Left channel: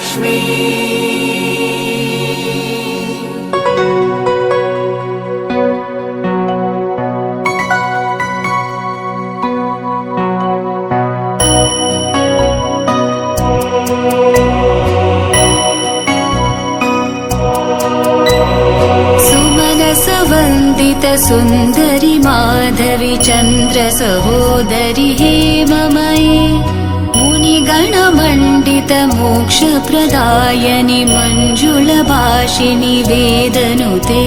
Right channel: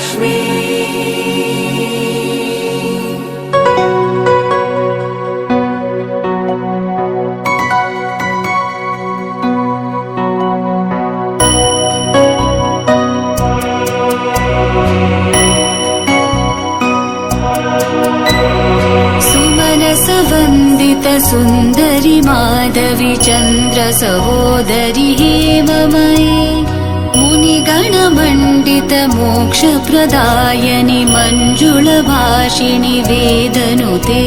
लक्ष्मी सुन्दरि माधवी चन्द्र सहोदरि एव मयि मुनिगणमण्डित मोक्षप्रदायनि मञ्जुलभाषिणि वेदनुते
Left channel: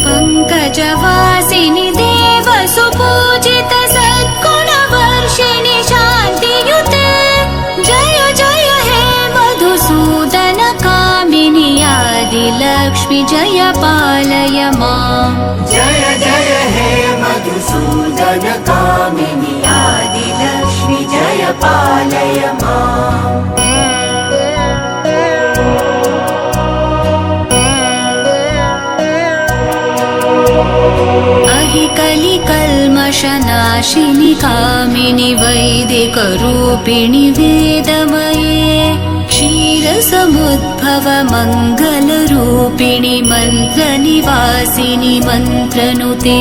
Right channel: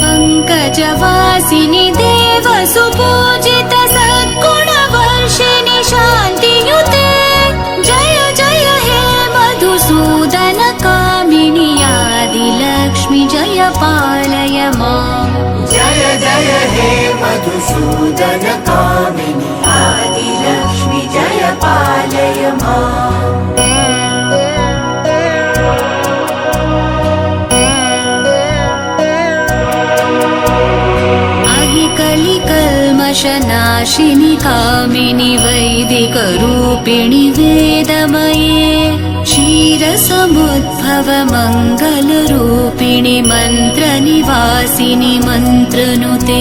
पङ्कजवासिनि देवसुपूजित सद्गुणवर्षिणि शान्तियुते जय जय हे मधुसूदन कामिनि आदिलक्ष्मि जय पालय माम् जय जय हे मधुसूदन कामिनि आदिलक्ष्मि जय पालय माम् कलिकल्मषनाशिनि कामिनि वैदिकरूपिणि वेदमये क्षीरसमुद्भव मङ्गलरूपिणि मन्त्रनिवासिनि मन्त्रनुते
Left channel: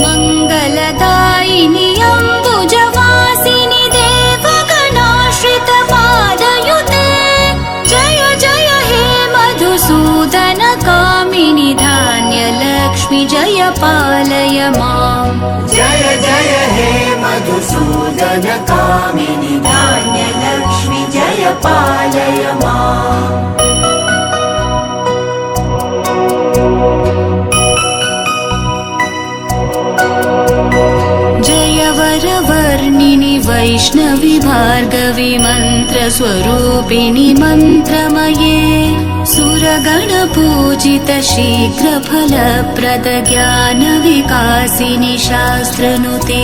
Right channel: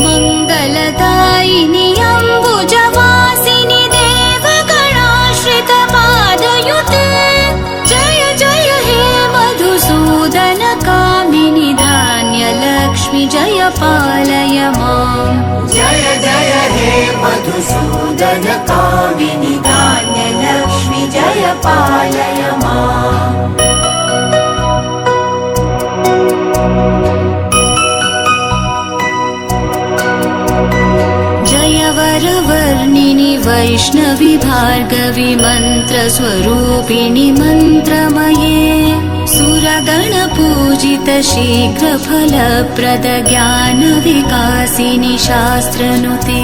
मङ्गलदायिनि अम्बुजवासिनि देवगणाश्रित पादयुते जय जय हे मधुसूदन कामिनि धान्यलक्ष्मि जय पालय माम् जय जय हे मधुसूदन कामिनि धान्यलक्ष्मि जय पालय माम् जय वरवर्णिनि वैष्णवि भार्गवि मन्त्रस्वरूपिणि मन्त्रमये सुरगणपूजित शीघ्रफलप्रद ज्ञानविकासिनि शास्त्रनुते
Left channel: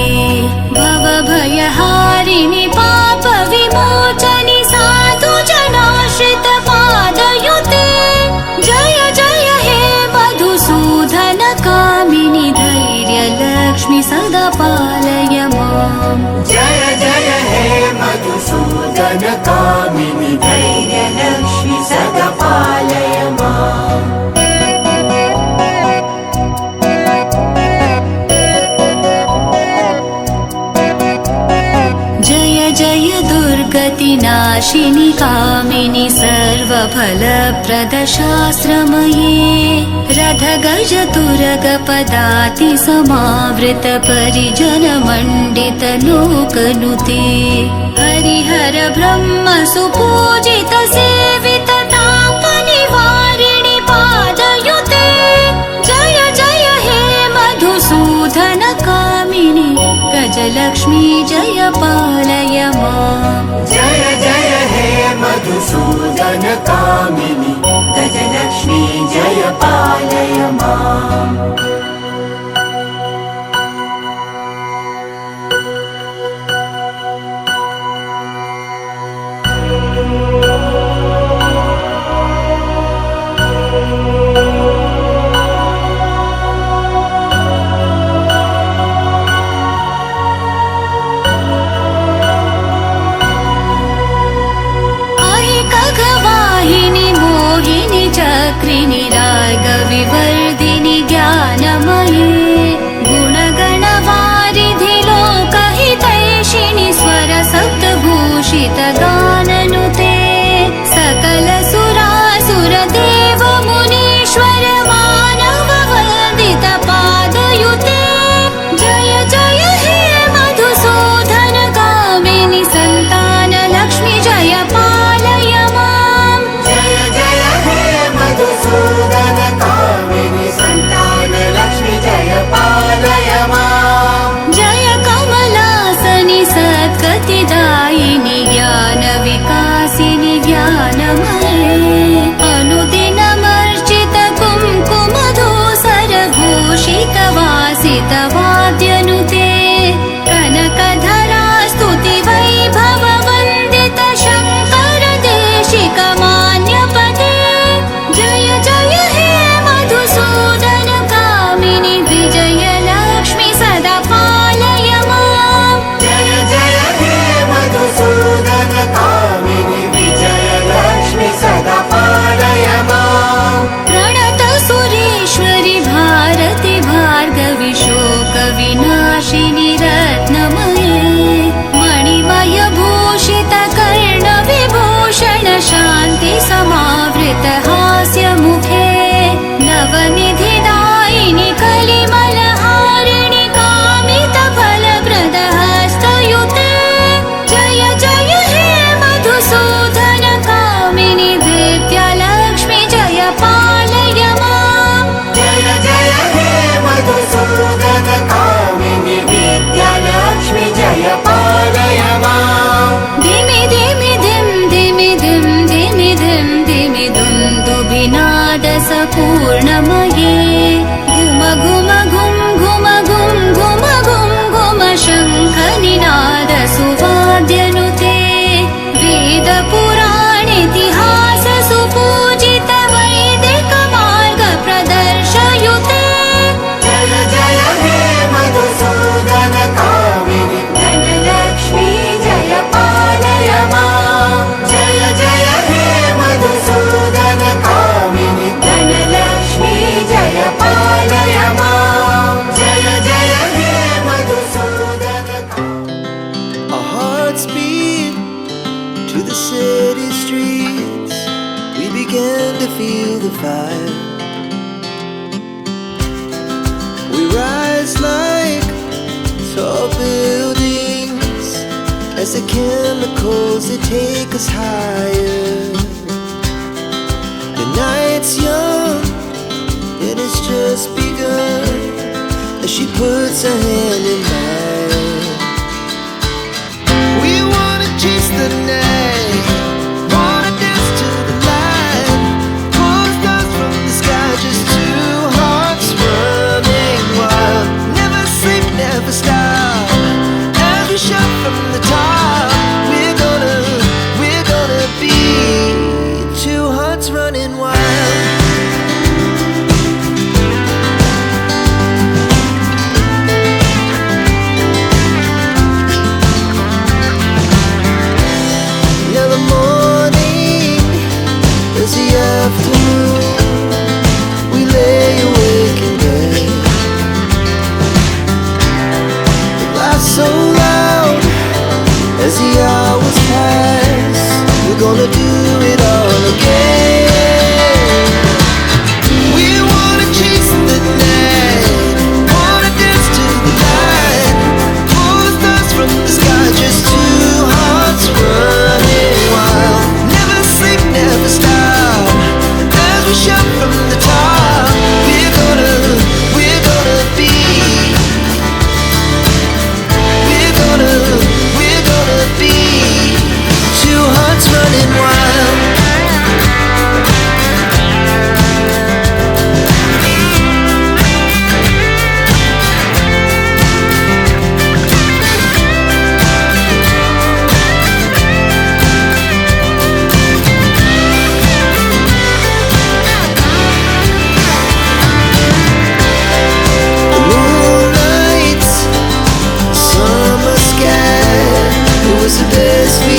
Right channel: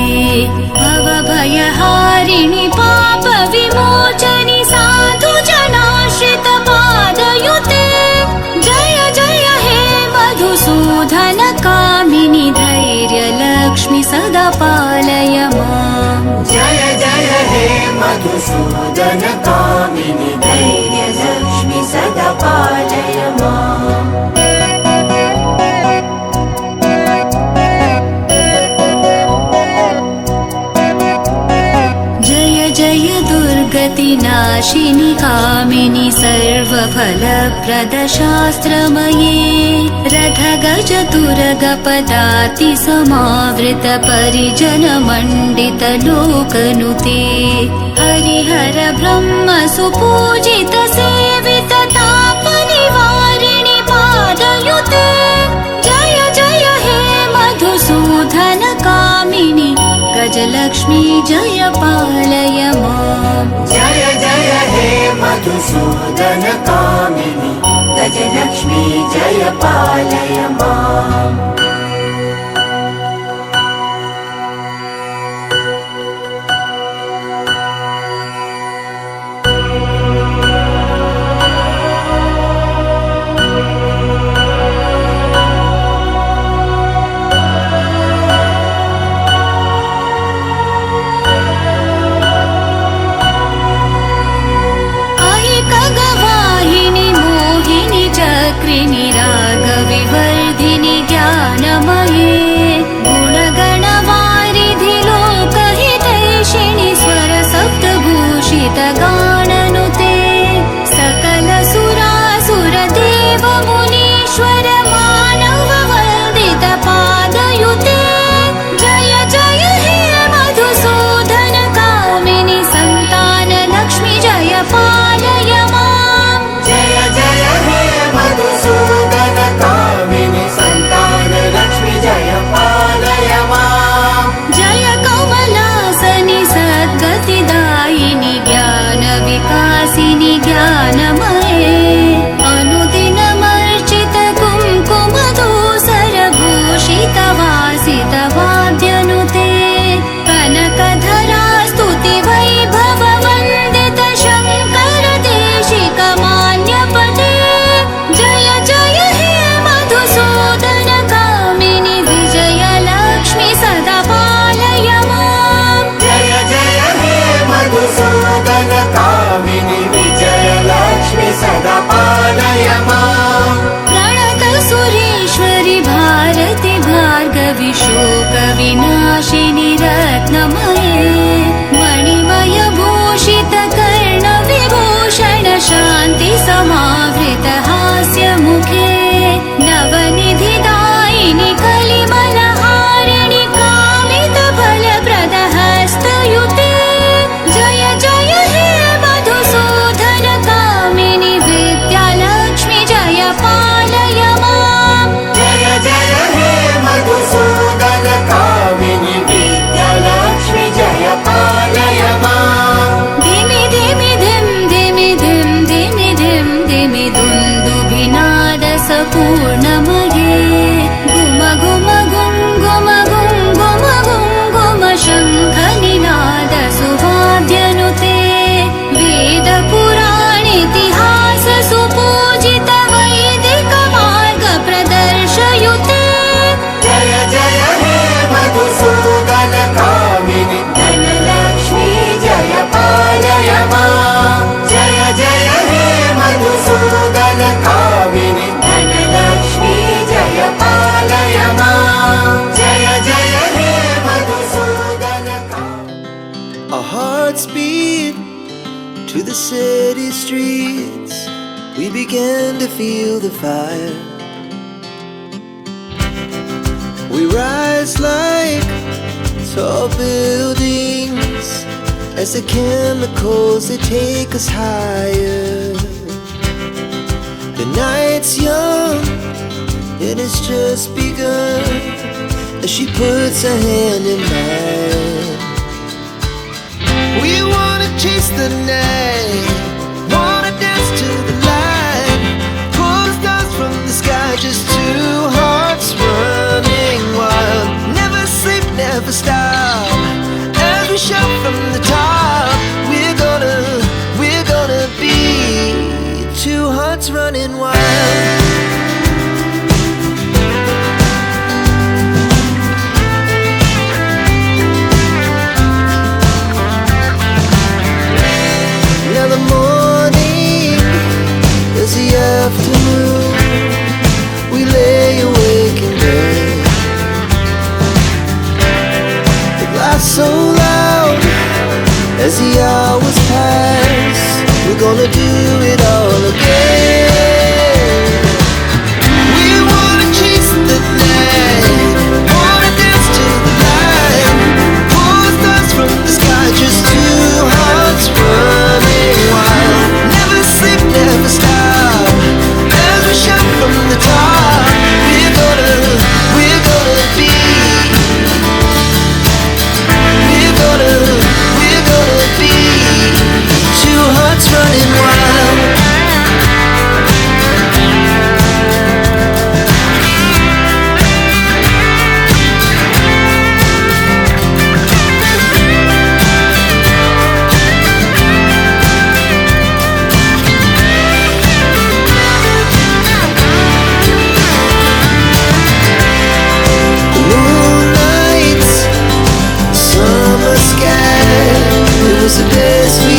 भवभयहारिणि पापविमोचनि साधुजनाश्रित पादयुते जय जय हे मधुसूदन कामिनि धैर्यलक्ष्मि सदा पालय माम् जय जय हे मधुसूदन कामिनि धैर्यलक्ष्मि सदा पालय माम् जय जय दुर्गतिनाशिनि कामिनि सर्वफलप्रद शास्त्रमये रथगज तुरगपदाति समावृत परिजन मण्डित लोकनुते हरिहर ब्रह्म सुपूजित सेवित तापनिवारिणि पादयुते जय जय हे मधुसूदन कामिनि गजलक्ष्मी जय पालय माम् जय जय हे मधुसूदन कामिनि गजलक्ष्मी जय पालय माम् मोहिनि चक्रिनि रागविवर्धिनि ज्ञानमये गुणगणवारिधि लोकहितैषिणि स्वर सप्तभूषित गाननुते सकल सुरासुर देव मुनीश्वर मानव वन्दित पादयुते जय जय हे मधुसूदन कामिनि सन्तान लक्ष्मि जय पालय माम् जय जय हे मधुसूदन कामिनि सन्तान लक्ष्मि जय पालय माम् जय कमलासनि सद्गतिदायिनि ज्ञानविकासिनि ज्ञानमये अनुदिनमर्चित कुङ्कुमधूसरभूषित वासित वाद्यनुते कनकधरा स्तुति वैभव वन्दित शङ्कर देशिक मान्यपदे जय जय हे मधुसूदन कामिनि विजयलक्ष्मि सदा पालय माम् जय जय हे Our hearts beat to the city streets. We began to feel the fire. We rise like tall buildings as the chemicals, they take us higher. The night's young and it's just begun as she puts her hand in mine. We wanna chase the night, wanna dance to the light, pull the stars from the sky, just two hearts running wild. Never sleep, never stop, as we shout from the top. We're gonna be two hearts running wild. Now the morning is the afternoon. We lay awake in bed. The laughs so loud as the hours pass. We're gonna do it all again. We wanna chase the night, wanna dance to the light, pull the stars from the sky, just two hearts running wild. Never sleep, never stop, as we shout from the top. We're gonna be, we're gonna be two hearts running wild. The moonlight, summer sky, it was the best we